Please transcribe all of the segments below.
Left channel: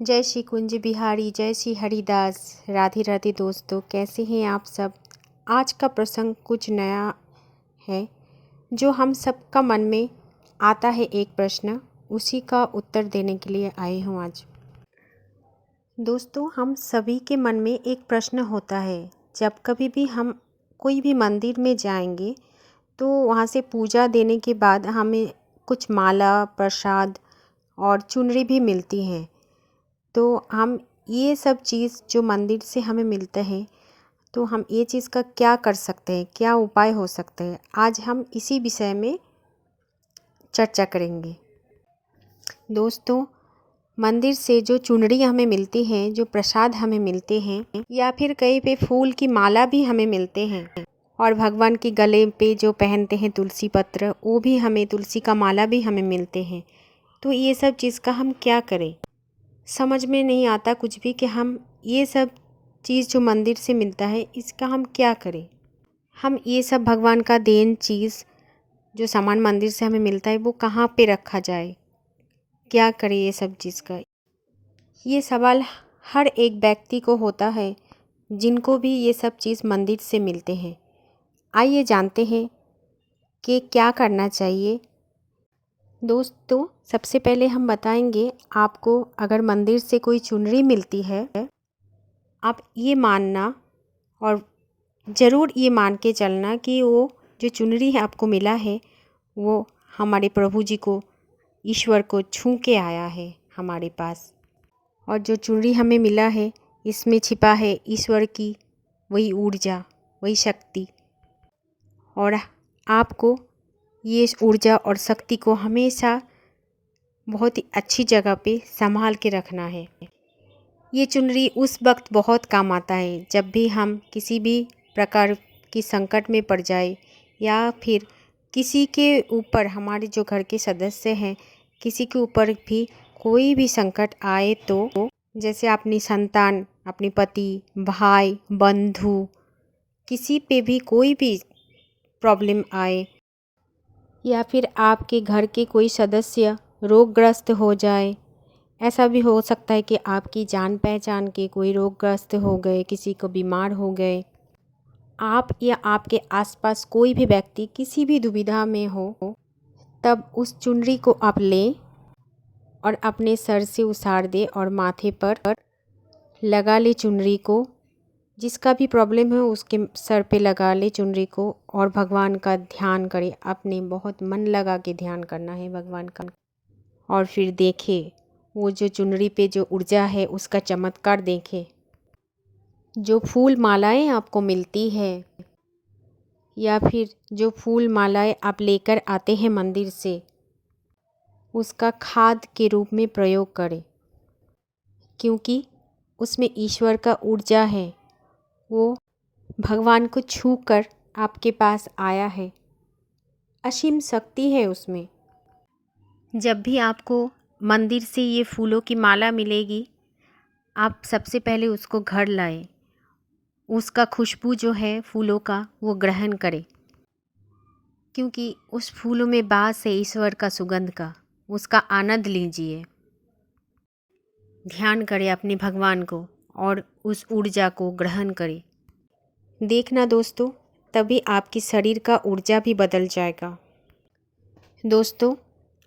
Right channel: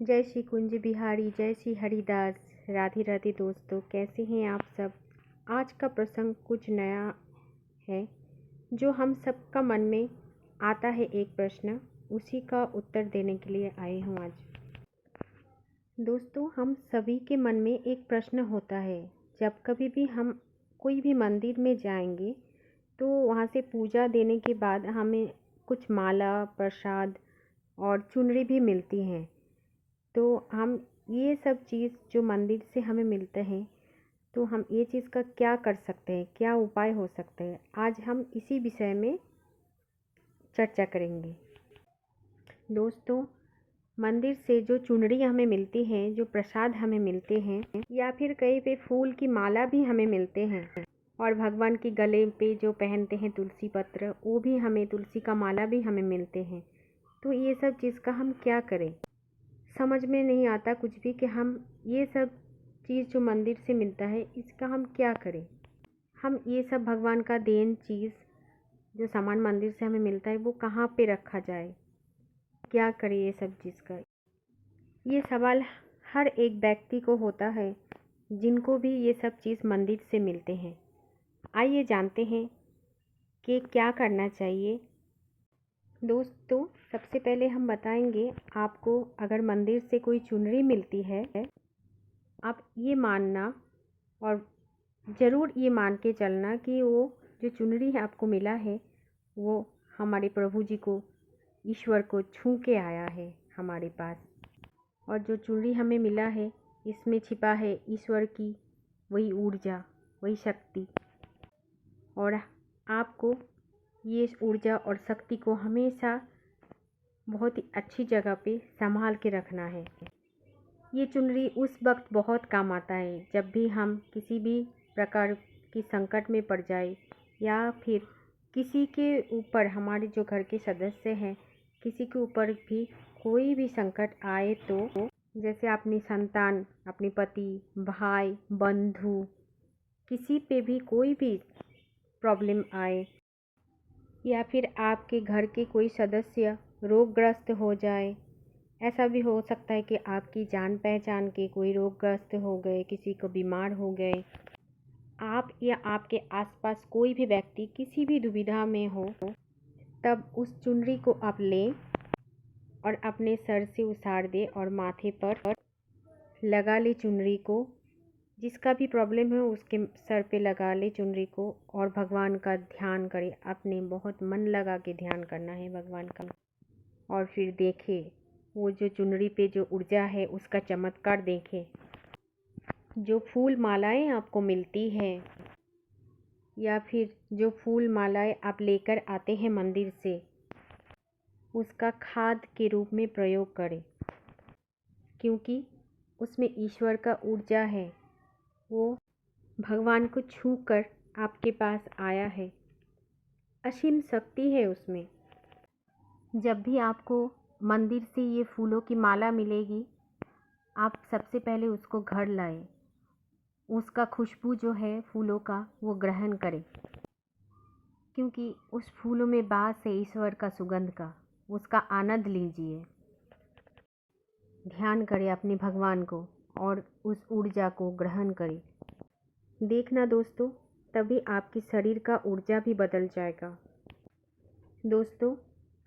जय श्री कुंज बिहारी, जय श्री हरिदास। राधे राधे दोस्तों, कैसे हैं आप सब। आज का प्रसंग कुछ नया है जो हम सबका मन में आता है। एक प्रश्न, उसी का उत्तर देने के लिए आए हूँ आज। दोस्तों, हम सभी के मन में एक प्रश्न होता है। जब कभी भी हम कोई भी मंदिर में जाएंगे तो वहाँ से पूजा देने के बाद हमें कुछ माला, प्रसाद और चुनरी भी मिलती हैं। तो हम ये सब चीज़ जो मंदिर से हमें मिलते हैं, तो हम ये चीज़ का क्या कर सकते हैं, क्या उपाय हो सकते हैं, आज हम इसी विषय में चर्चा करेंगे। दोस्तों, मंदिर से जो चुनरी हमें मिलती है, जो प्रसाद हमें मिलते हैं, या फिर कहीं पे फूल की माला भी हमें मिलते हैं, और भगवान के गले पे जो पहनते हैं तुलसी पत्र, वो भी हमें, तुलसी का माला भी हमें मिलते हैं। तो ये सब चीज़ का हम क्या करें, समझ में नहीं आता कुछ भी कि हम ये सब चीज़ जो मंदिर से मिलता है इसका हम क्या करें। हम ये सब भगवान का देन चीज़ जो सामान मंदिर से हमें मिलता है वो कहाँ पे रखा जाए, क्या करें ये सब चीज़ का। ये सवाल हर एक व्यक्ति को होता है जिनको भी ये सब चीज़ मंदिर से मिलते हैं। आइए जानते हैं कि क्या करना चाहिए। दोस्तों, सबसे पहले हम बताएंगे आपको, अगर मंदिर से कोई चुनरी मिलती है, आप ये मानना और ज़रूर ये मान के चलना कि वो जो चुनरी है आपको मिला है वो हमारे प्रभु जी को, ईश्वर को छू के आया है हमारे पास। और जो चुनरी हमें मिला है इसमें छिपा है ईश्वर की वही ऊर्जा, वही शक्ति। और आपको ये ऊर्जा और शक्ति को हमेशा बहुत ही अच्छी जगह पे संभाल के रखना है। ये चुनरी उस वक्त बहुत काम आता है जब भी हम किसी भी प्रकार की संकट में पड़ जाए, या फिर किसी के ऊपर, हमारे जो घर के सदस्य हैं, किसी के ऊपर भी कोई भी संकट आए, तो जैसे अपनी संतान, अपने पति, भाई, बंधु, किसी पे भी कोई भी प्रॉब्लम आए, या फिर आपके घर के कोई सदस्य रोगग्रस्त हो जाए, ऐसा भी हो सकता है कि आपकी जान पहचान के कोई रोगग्रस्त हो गए, किसी को बीमार हो गए, आप या आपके आसपास कोई भी व्यक्ति किसी भी दुविधा में हो, तब उस चुनरी को आप लें और अपने सर से उतार दें और माथे पर लगा ले चुनरी को। जिसका भी प्रॉब्लम है उसके सर पे लगा ले चुनरी को और भगवान का ध्यान करें। अपने बहुत मन लगा के ध्यान करना है भगवान का, और फिर देखें वो जो चुनरी पे जो ऊर्जा है उसका चमत्कार देखें। जो फूल मालाएं आपको मिलती है, या फिर जो फूल मालाएं आप लेकर आते हैं मंदिर से, उसका खाद के रूप में प्रयोग करें, क्योंकि उसमें ईश्वर का ऊर्जा है। वो भगवान को छू कर आपके पास आया है, असीम शक्ति है उसमें। जब भी आपको मंदिर से ये फूलों की माला मिलेगी, आप सबसे पहले उसको घर लाएं, उसका खुशबू जो है फूलों का वो ग्रहण करें, क्योंकि उस फूलों में वास है ईश्वर का सुगंध का। उसका आनंद लीजिए, ध्यान करें अपने भगवान को और उस ऊर्जा को ग्रहण करें। देखना दोस्तों, तभी आपकी शरीर का ऊर्जा भी बदल जाएगा। दोस्तों,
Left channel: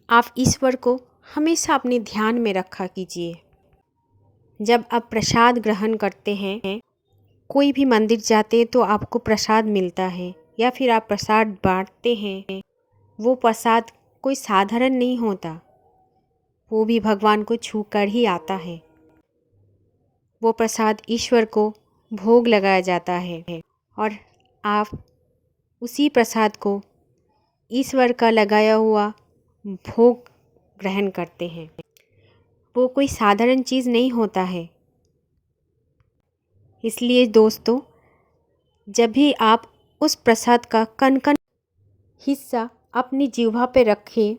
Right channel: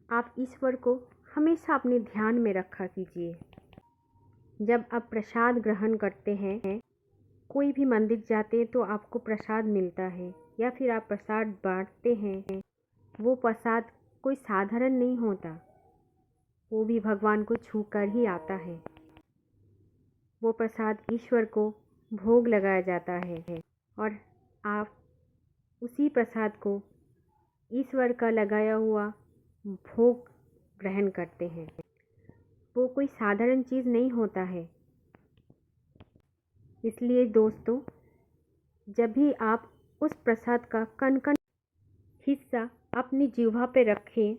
आप ईश्वर को हमेशा अपने ध्यान में रखा कीजिए। जब आप प्रसाद ग्रहण करते हैं, कोई भी मंदिर जाते हैं तो आपको प्रसाद मिलता है, या फिर आप प्रसाद बांटते हैं, वो प्रसाद कोई साधारण नहीं होता, वो भी भगवान को छू कर ही आता है। वो प्रसाद ईश्वर को भोग लगाया जाता है, और आप उसी प्रसाद को, ईश्वर का लगाया हुआ भोग ग्रहण करते हैं। वो कोई साधारण चीज़ नहीं होता है। इसलिए दोस्तों, जब भी आप उस प्रसाद का कण कण हिस्सा अपनी जिह्वा पे रखें,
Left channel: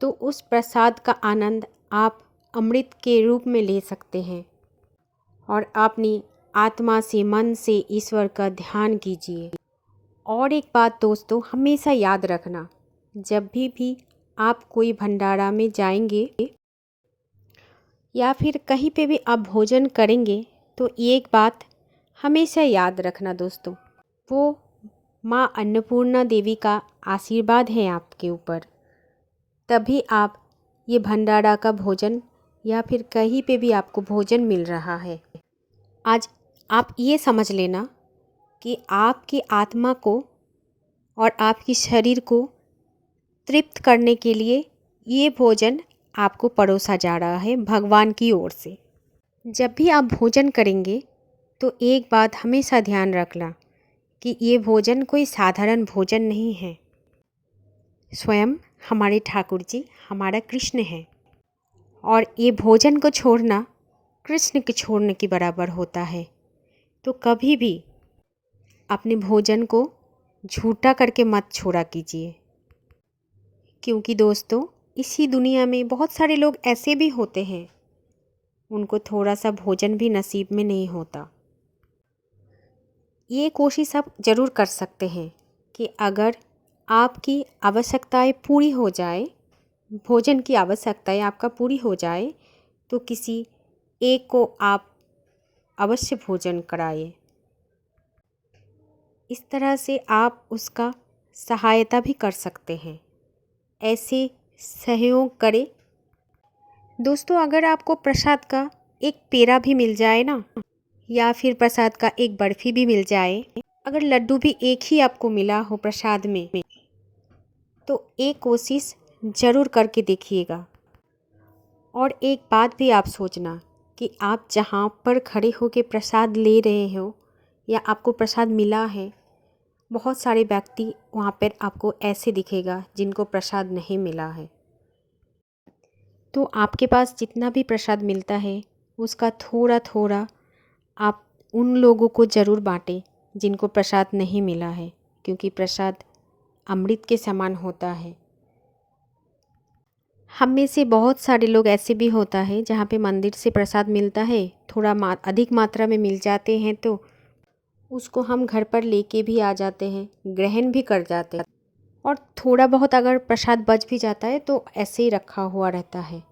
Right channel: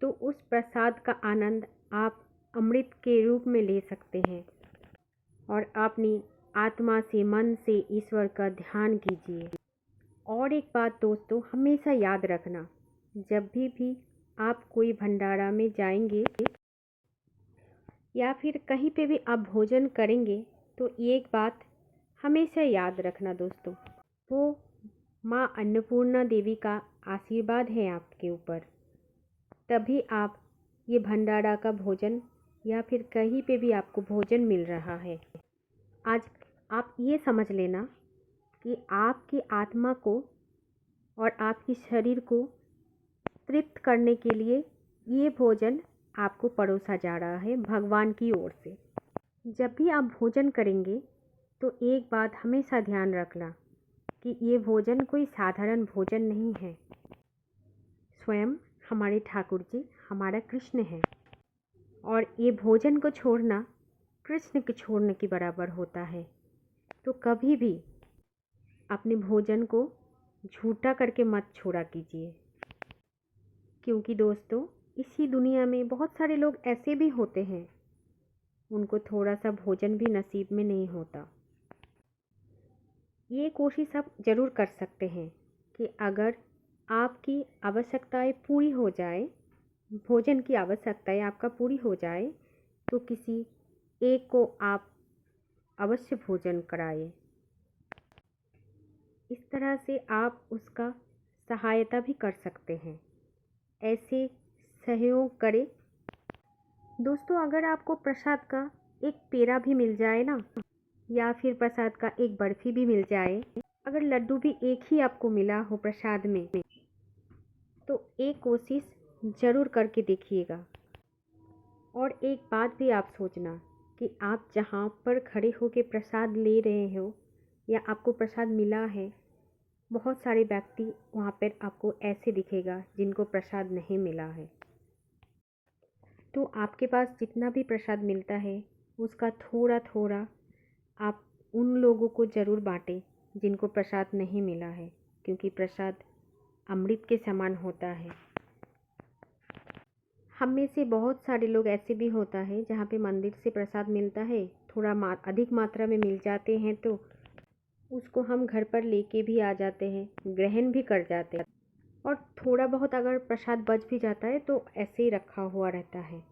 तो उस प्रसाद का आनंद आप अमृत के रूप में ले सकते हैं। और अपनी आत्मा से, मन से ईश्वर का ध्यान कीजिए। और एक बात दोस्तों, हमेशा याद रखना, जब भी आप कोई भंडारा में जाएंगे या फिर कहीं पे भी आप भोजन करेंगे तो एक बात हमेशा याद रखना दोस्तों, वो माँ अन्नपूर्णा देवी का आशीर्वाद है आपके ऊपर, तभी आप ये भंडारा का भोजन या फिर कहीं पे भी आपको भोजन मिल रहा है। आज आप ये समझ लेना कि आपकी आत्मा को और आपकी शरीर को तृप्त करने के लिए ये भोजन आपको परोसा जा रहा है भगवान की ओर से। जब भी आप भोजन करेंगे तो एक बात हमेशा ध्यान रखना कि ये भोजन कोई साधारण भोजन नहीं है। स्वयं हमारे ठाकुर जी हमारा कृष्ण है और ये भोजन को छोड़ना कृष्ण के छोड़ने के बराबर होता है। तो कभी भी अपने भोजन को झूठा करके मत छोड़ा कीजिए, क्योंकि दोस्तों इसी दुनिया में बहुत सारे लोग ऐसे भी होते हैं, उनको थोड़ा सा भोजन भी नसीब में नहीं होता। ये कोशिश आप ज़रूर कर सकते हैं कि अगर आपकी आवश्यकताएं पूरी हो जाए, भोजन की आवश्यकताएं आपका पूरी हो जाए, तो किसी एक को आप अवश्य भोजन कराइए। इस तरह से आप उसका सहायता भी कर सकते हैं, ऐसे सहयोग करें। दोस्तों अगर आपको प्रसाद का एक पेड़ा भी मिल जाए ना, या फिर प्रसाद का एक बर्फ़ी भी मिल जाए, अगर लड्डू भी एक ही आपको मिला हो प्रसाद में, तो एक कोशिश ज़रूर करके देखिएगा। और एक बात भी आप सोचना कि आप जहाँ पर खड़े होकर प्रसाद ले रहे हो या आपको प्रसाद मिला है, बहुत सारे व्यक्ति वहाँ पर आपको ऐसे दिखेगा जिनको प्रसाद नहीं मिला है। तो आपके पास जितना भी प्रसाद मिलता है उसका थोड़ा थोड़ा आप उन लोगों को ज़रूर बांटें जिनको प्रसाद नहीं मिला है, क्योंकि प्रसाद अमृत के समान होता है। हम में से बहुत सारे लोग ऐसे भी होता है जहाँ पे मंदिर से प्रसाद मिलता है, थोड़ा अधिक मात्रा में मिल जाते हैं तो उसको हम घर पर लेके भी आ जाते हैं, ग्रहण भी कर जाते हैं। और थोड़ा बहुत अगर प्रसाद बच भी जाता है तो ऐसे ही रखा हुआ रहता है,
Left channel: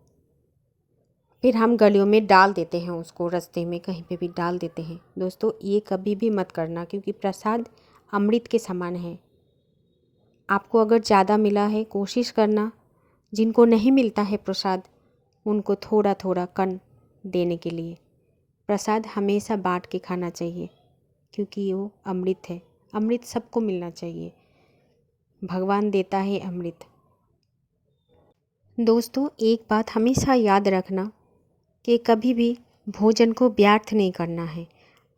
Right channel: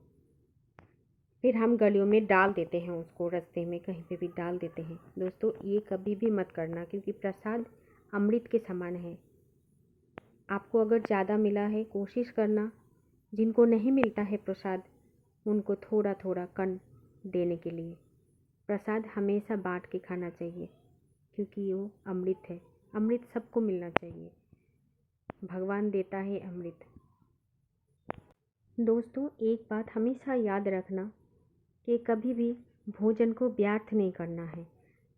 फिर हम गलियों में डाल देते हैं, उसको रास्ते में कहीं पे भी डाल देते हैं। दोस्तों ये कभी भी मत करना, क्योंकि प्रसाद अमृत के समान है। आपको अगर ज़्यादा मिला है, कोशिश करना जिनको नहीं मिलता है प्रसाद उनको थोड़ा थोड़ा कण देने के लिए। प्रसाद हमेशा बांट के खाना चाहिए, क्योंकि वो अमृत है। अमृत सबको मिलना चाहिए, भगवान देता है अमृत। दोस्तों एक बात हमेशा याद रखना कि कभी भी भोजन को व्यर्थ नहीं करना है।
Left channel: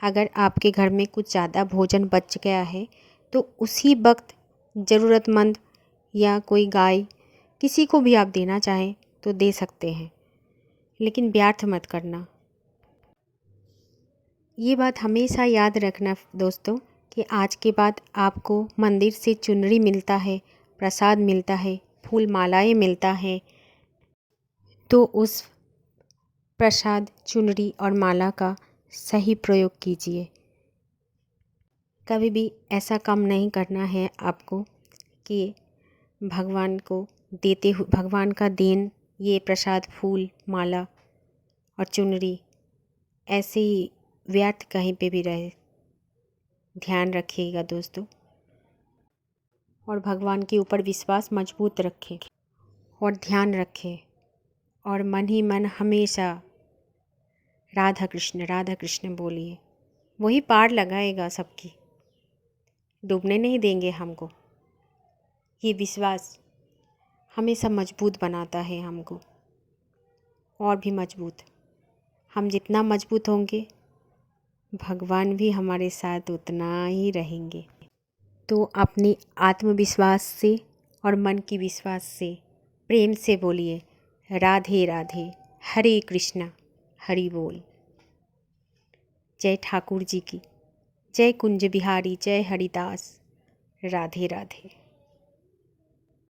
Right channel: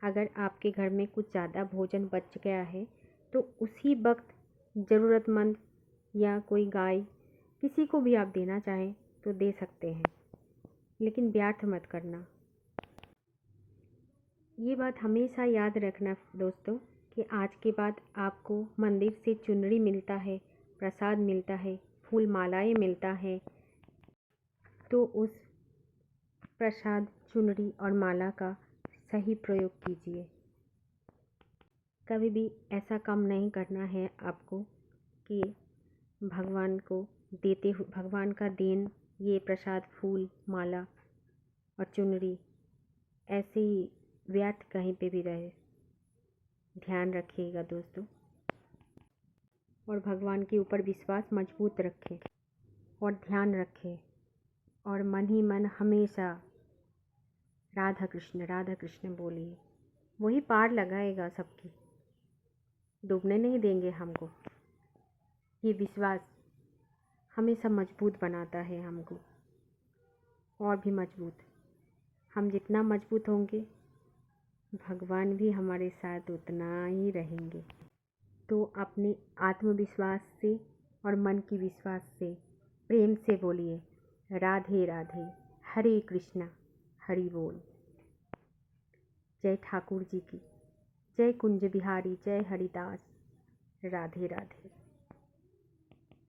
अगर आपके घर में कुछ ज़्यादा भोजन बच गया है तो उसी वक्त ज़रूरतमंद या कोई गाय किसी को भी आप देना चाहें तो दे सकते हैं, लेकिन व्यर्थ मत करना। ये बात हमेशा याद रखना दोस्तों कि आज के बाद आपको मंदिर से चुनरी मिलता है, प्रसाद मिलता है, फूल मालाएं मिलता है, तो उस प्रसाद, चुनरी और माला का सही प्रयोग कीजिए। कभी भी ऐसा काम नहीं करना है आपको कि भगवान को देते हुए, भगवान का देन ये प्रसाद, फूल, माला और चुनरी ऐसे ही व्यर्थ कहीं पे भी रहे। ध्यान रखिएगा दोस्तों, और भगवान के ऊपर विश्वास मजबूत रखें और ध्यान रखें, और मन ही मन हमेशा राधा कृष्ण बोलिए। वही पार लगाएगा सबकी, डूबने नहीं देंगे हमको। ये विश्वास हमेशा मजबूत बनाता है हमको, और भी मजबूत। हम जितना मजबूत होंगे भगवान भी हमारे साथ उतना ही रहेंगे। तो अपनी आत्मविश्वास से और मन की विश्वास से प्रेम से बोलिए राधे राधे, हरे कृष्णा, हरि बोल। जय ठाकुर जी की, जय कुंज बिहारी, जय हरिदास, राधे राधे।